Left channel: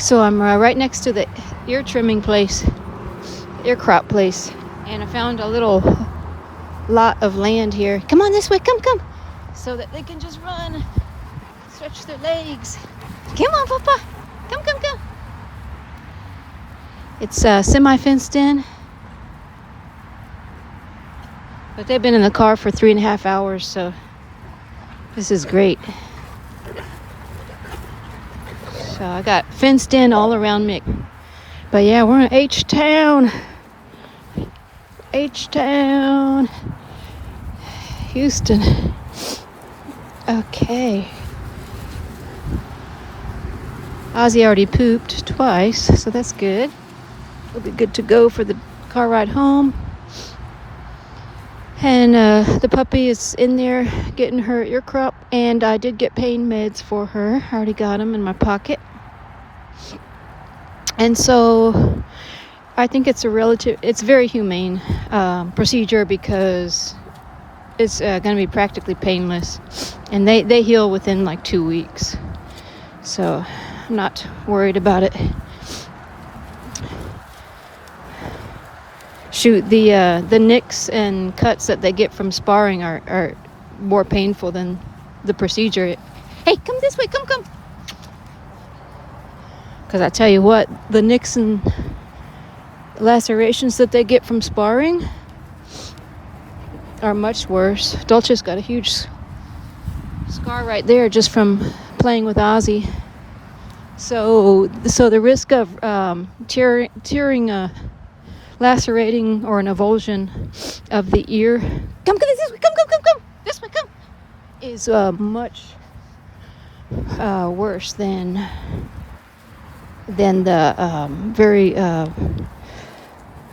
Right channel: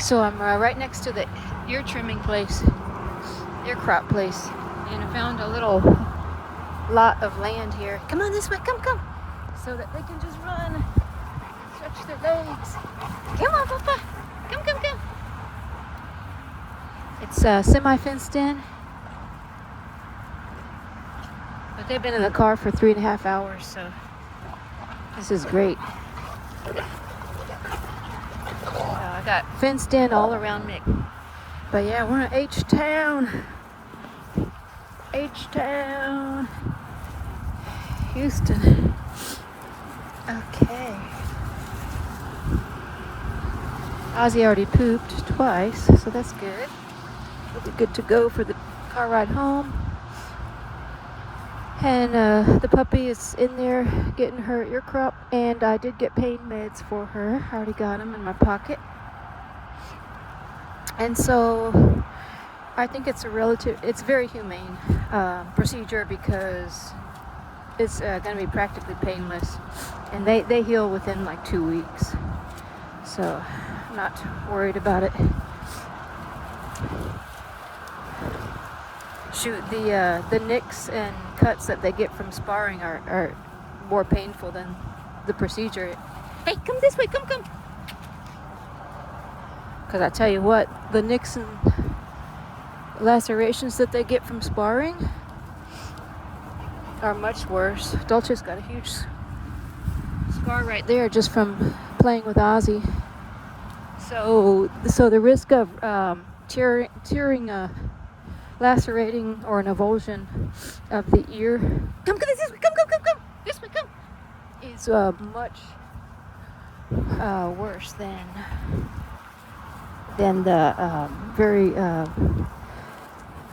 So I'm right next to the ear trimming place, ear crop place, and I found a little lot of land here. Come on this way, come, so that they can just run, stretch their legs. Come on, Papa, come. It's semi-fenced in, but they've been in the car for 3.5 hours, so this is great. So I got fenced in all around Mick. But yeah, we're in H-Town, Houston. Okay. Ozzy already pooped twice, so that's good. We'll be good to go for the car ride home. And the puppy is in there getting her ear crop, and I did get pain meds for her. I already got them in my pocket. And so I think it's it's very humane procedure, because it's going to be practically painless, and they heal within like 2 weeks. So I'm not worried about it. Shoot, the nicks and cuts that they get from sparring are more painful than the procedure. Hey, come this way, come. Because I tell you what, the nicks and lacerations that they get from sparring are much worse. Dolce's got a huge scar right there just from playing with Ozzy. So the risk of tearing lacerating or an avulsion of the ear, come this way, come this way, come, is much worse than the very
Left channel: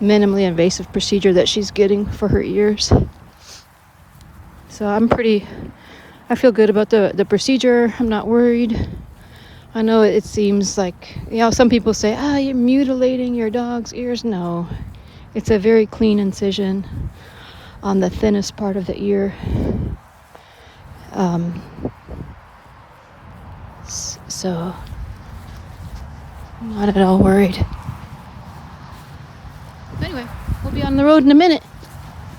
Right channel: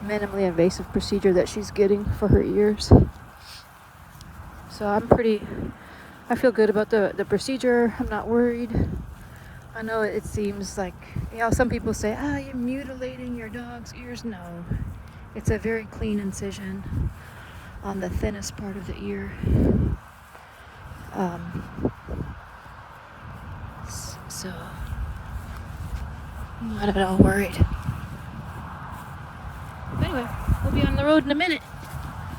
minimally invasive procedure that she's getting for her ears. So I feel good about the procedure. I'm not worried. I know it seems like, some people say, you're mutilating your dog's ears. No, it's a very clean incision on the thinnest part of the ear. So I'm not at all worried. But anyway, we'll be on the road in a minute.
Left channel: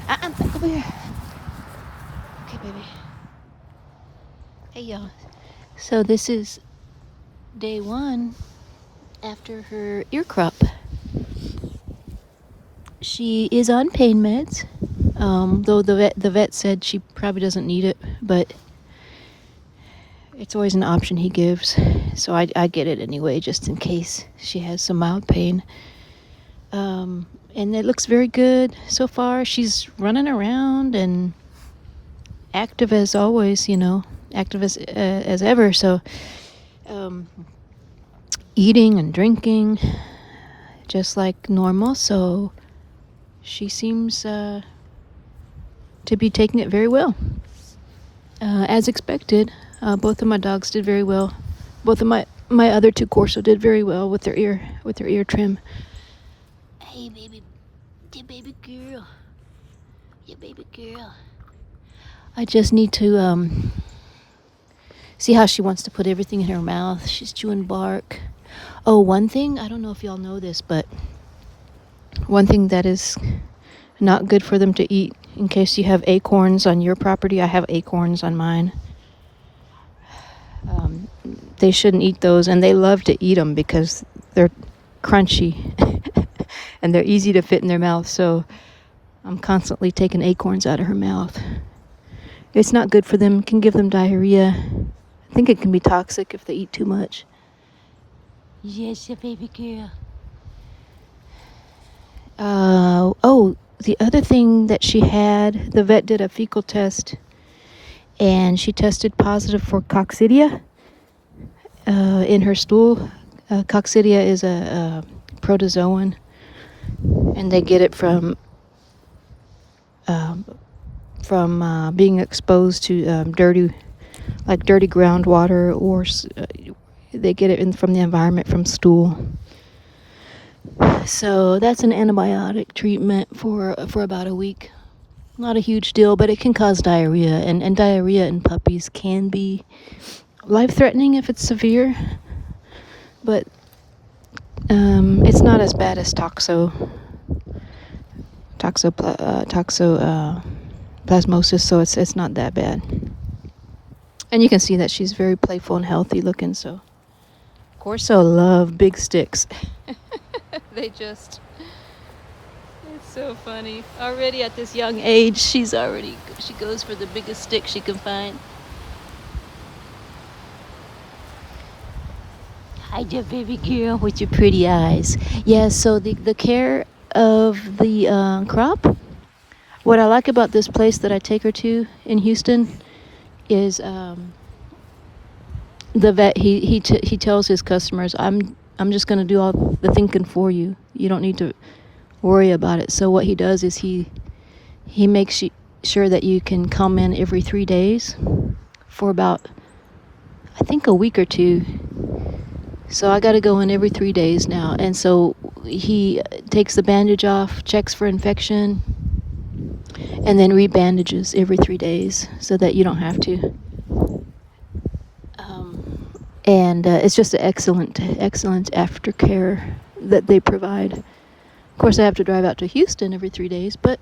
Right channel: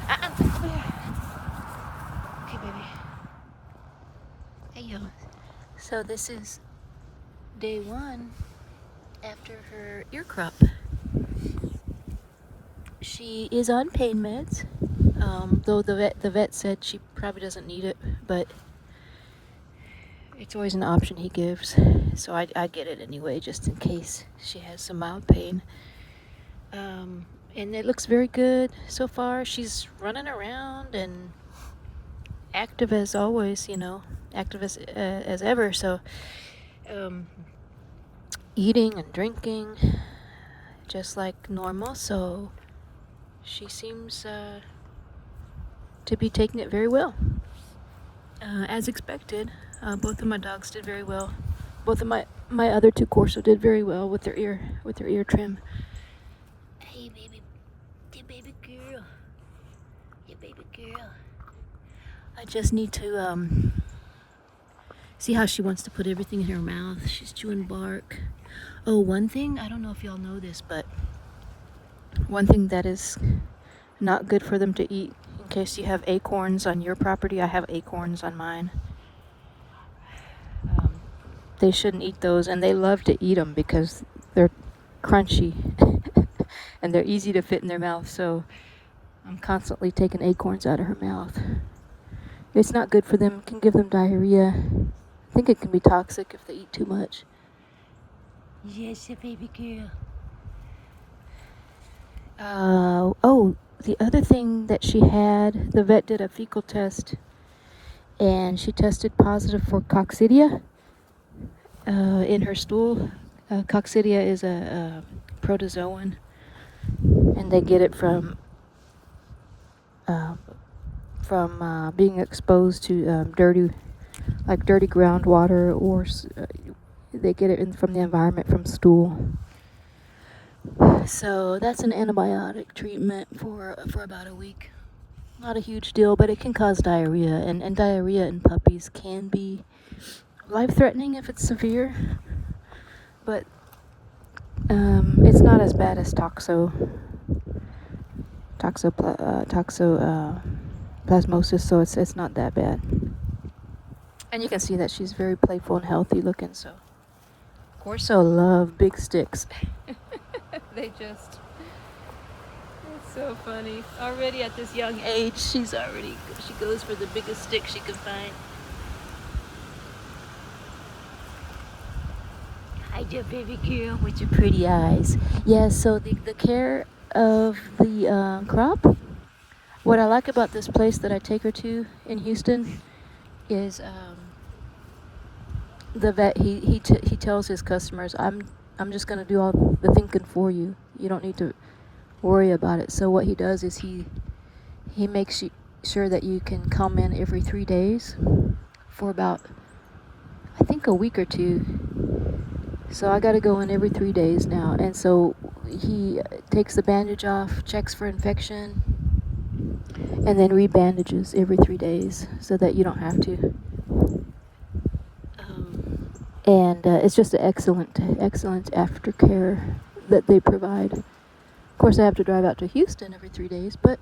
Over here. Okay, baby. Hey, y'all. So this is day 1 after her ear crop. She is on pain meds, though the vet said she probably doesn't need it, but it's always an option he gives, so I get it anyway, just in case she has some mild pain. And it looks very good so far. She's running around and active as always, active as ever. So eating and drinking just like normal. So she seems to be taking it very well, as expected. Both of my dogs did very well. Both of my other 2 Corso did very well with their ear trim. Hey, baby girl. Yeah, baby girl. I just need to see how she wants to put everything in her mouth. She's chewing bark. Oh, one thing, I don't know if y'all know this, but one thing that is not good for them to eat, in case you have acorns on your property, I have acorns on mine. They shouldn't eat those, and they love to eat them because they're crunchy and they're easy to fit in their mouth. So I'm constantly taking acorns out of her mouth. It's not good for them. It can give them diarrhea. I think it can be toxic if they eat too much. Yes, baby girl. The other thing that she had, the vet did a fecal test, and she tested positive for coccidia in her stool. Coccidia is a protozoan, and they get it from being exposed to dirty groundwater, or they get it from the environment, from stool. So that's an antibiotic treatment for about a week. Not a huge deal, but it can cause diarrhea, and diarrhea in puppies can be life-threatening if it's severe. But as bad as toxoplasmosis, so it's not that bad. And you can see that she's very playful and healthy looking. So Corso love big sticks. They just, it's so funny. Already at this young age, she goes for the biggest stick she can find. Hi there, baby girl, with your pretty eyes. Yeah, so the care of the crop, what I like about this place that I take her to in Houston is the vet, he tells his customers, I'm just going to do all the thinking for you. You don't need to worry about it. So what he does is he makes sure that you can come in every 3 days for about, I think, a week or two. So I got to go in every 3 days now. And so he takes the bandage off, checks for infection, and then rebandages every 3 days so that you don't have to. And it's just an excellent aftercare that they provide. Of course, I have to drive out to Houston every 3 days, but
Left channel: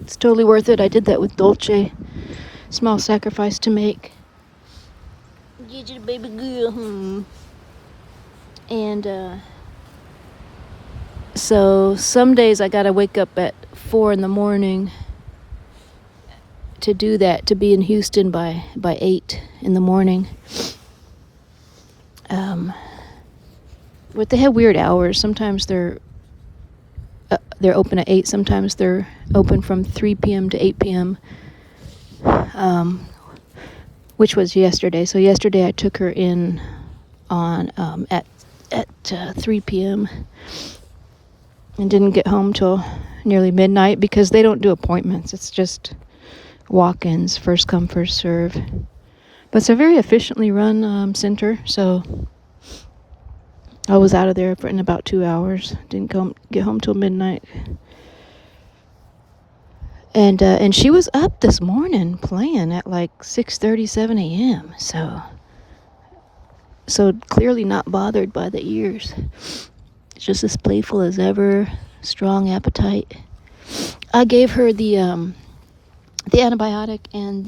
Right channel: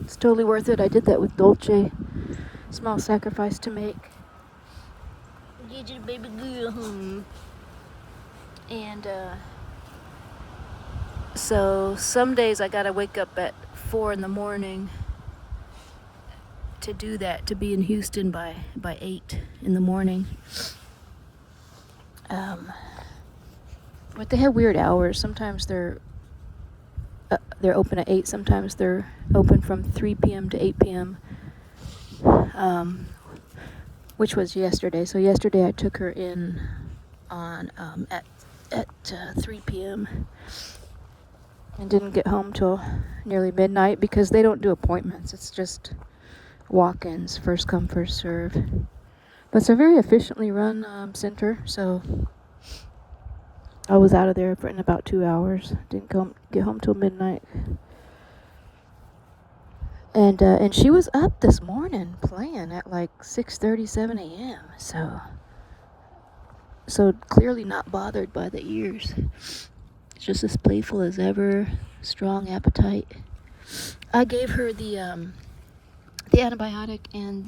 it's totally worth it. I did that with Dolce. Small sacrifice to make. Get you the baby girl. And so some days I gotta wake up at 4 in the morning to do that, to be in Houston by 8 in the morning. But they have weird hours. Sometimes they're open at 8. Sometimes they're open from 3 p.m. to 8 p.m. Which was yesterday. So yesterday I took her in on at 3 p.m. and didn't get home till nearly midnight because they don't do appointments. It's just walk-ins, first come, first serve. But it's a very efficiently run center, so I was out of there in about 2 hours. Didn't get home till midnight. And she was up this morning playing at like 6:37 a.m. So clearly not bothered by the ears. It's just as playful as ever, strong appetite. I gave her the antibiotic and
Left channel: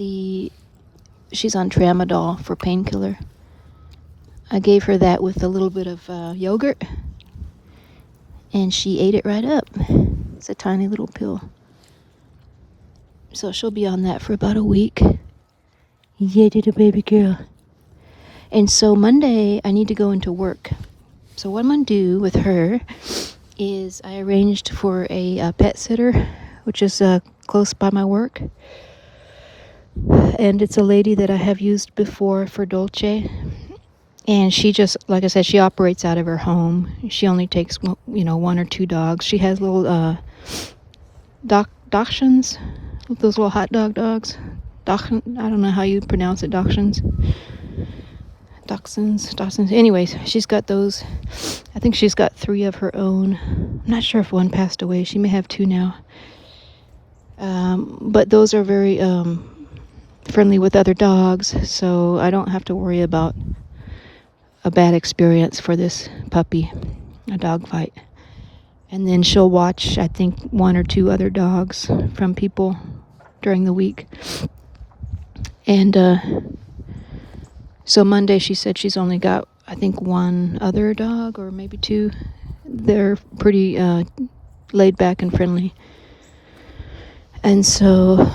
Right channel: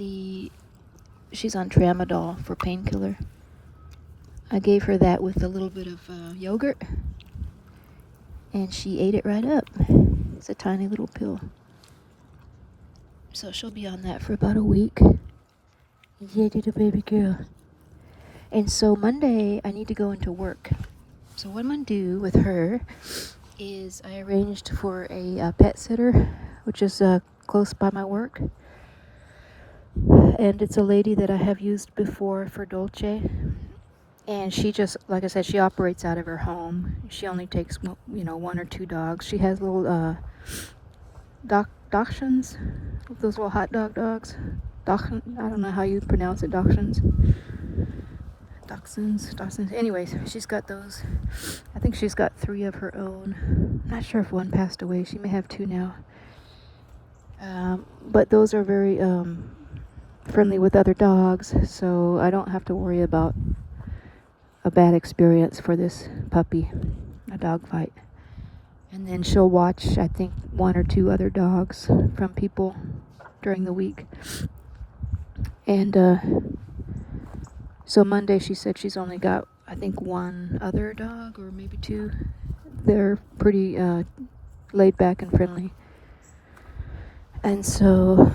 she's on tramadol for painkiller. I gave her that with a little bit of yogurt, and she ate it right up. It's a tiny little pill. So she'll be on that for about a week. Yeah, little baby girl. And so Monday, I need to go into work. So what I'm going to do with her is I arranged for a pet sitter, which is close by my work. And it's a lady that I have used before for Dolce. And she just, like I said, she operates out of her home. She only takes, 1 or 2 dogs. She has little dachshunds, those little hot dogs. I don't know how you pronounce it, dachshunds. Anyways, she's got those. I think she's got 3 of her own. I'm not sure if one passed away. She may have 2 now. But those are very friendly with other dogs, so I don't have to worry about a bad experience for this puppy, a dog fight. And then she'll watch, I think, 1 or 2 other dogs from people during the week. And so Monday she said she's only got, I think, 1 other dog or maybe 2. They're pretty laid back and friendly. And so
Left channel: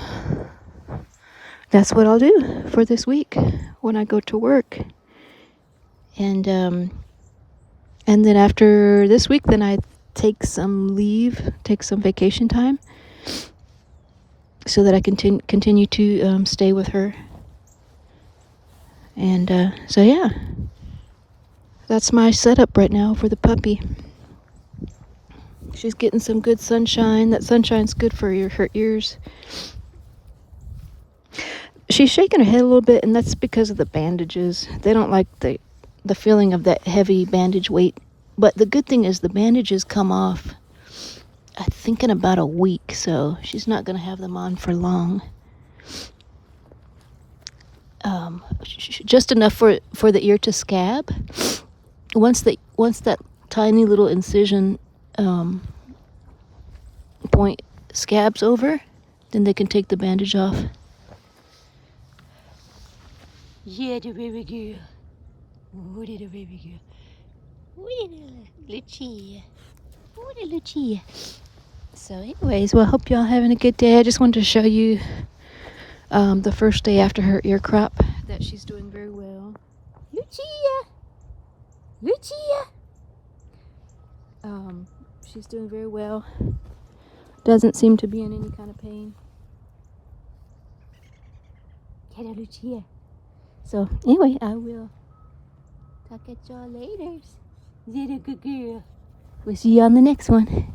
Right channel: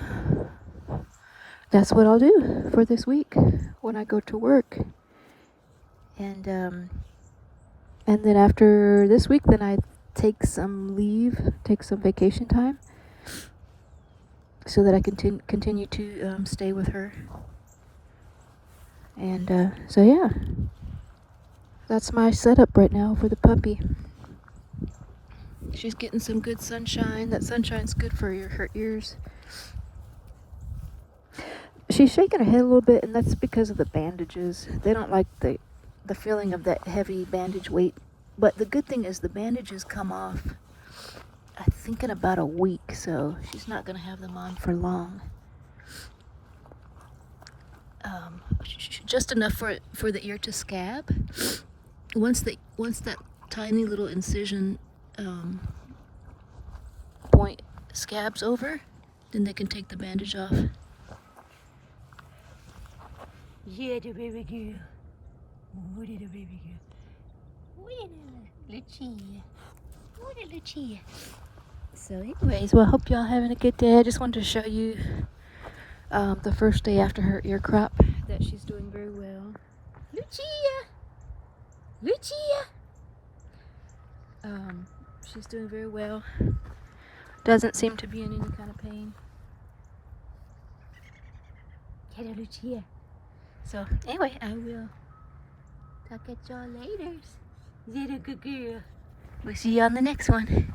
that's what I'll do for this week when I go to work. And then after this week, then I take some vacation time so that I can continue to stay with her. And so yeah, that's my setup right now for the puppy. She's getting some good sunshine. That sunshine's good for her ears. She's shaking her head a little bit, and that's because of the bandages. They don't like the feeling of that heavy bandage weight. But the good thing is the bandages come off, I think, in about a week, so she's not going to have them on for long. Just enough for the ear to scab. Once that tiny little incision point scabs over, then they can take the bandage off. Yeah, the baby girl. Oh, the baby girl. Oh, the Lucia. Oh, the Lucia. So anyways, well, I hope y'all having a good day. I just wanted to show you the first day after her ear crop that she's doing very well. Lucia! Lucia! She's doing very well. Doesn't seem to be in any kind of pain. Get her, Lucia. So anyway, I will talk at y'all later. Little good girl. We'll see you on the next one.